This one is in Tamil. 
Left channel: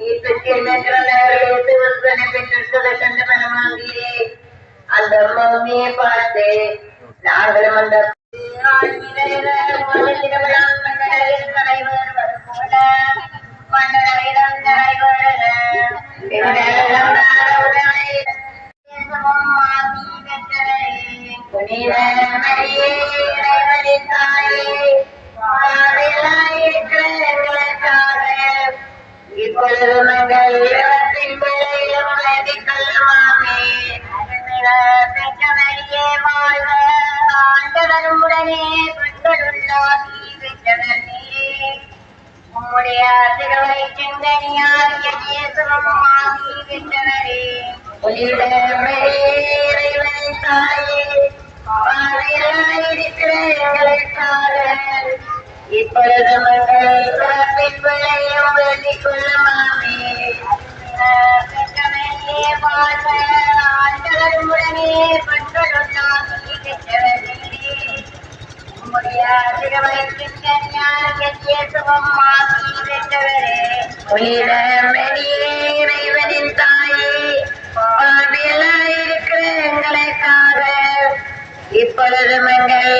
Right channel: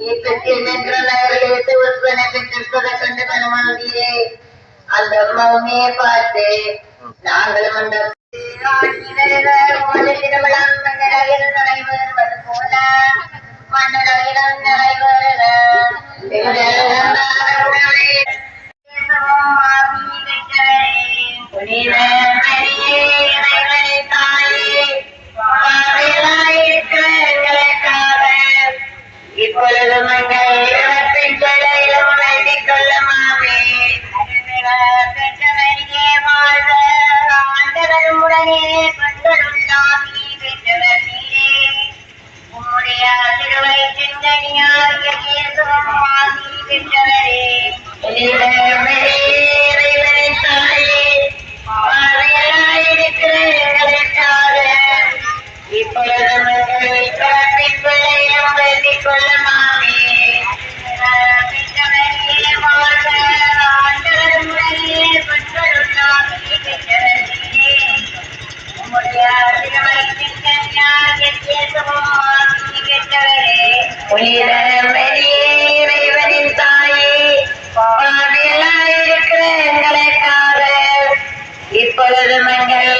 இப்பத்தில் மென்ற நகரிலிருந்து ஒருவனை பெற்றெடுத்ததை கண்டு மனமாகிறே அந்த அம்மாவுமே பார்த்து நாங்களும் இப்பொழுது மங்கள் இளவத்தின் பிள்ளையிலும் வேண்டிக் கொள்ளுமாமே. பெற்றவரியே வாழ்க. ஆண்டவரும் உடனே பெற்றவர் நீரே. உம்முடைய பெற்றவரே. இறைவனின் தாயே. இப்பொழுது இயேசுவும் ஆசி பெற்றவரே. இறைவனின் தாயே, பாவிகளாயிருக்கிற எங்களுக்காக இப்பொழுது மங்கள்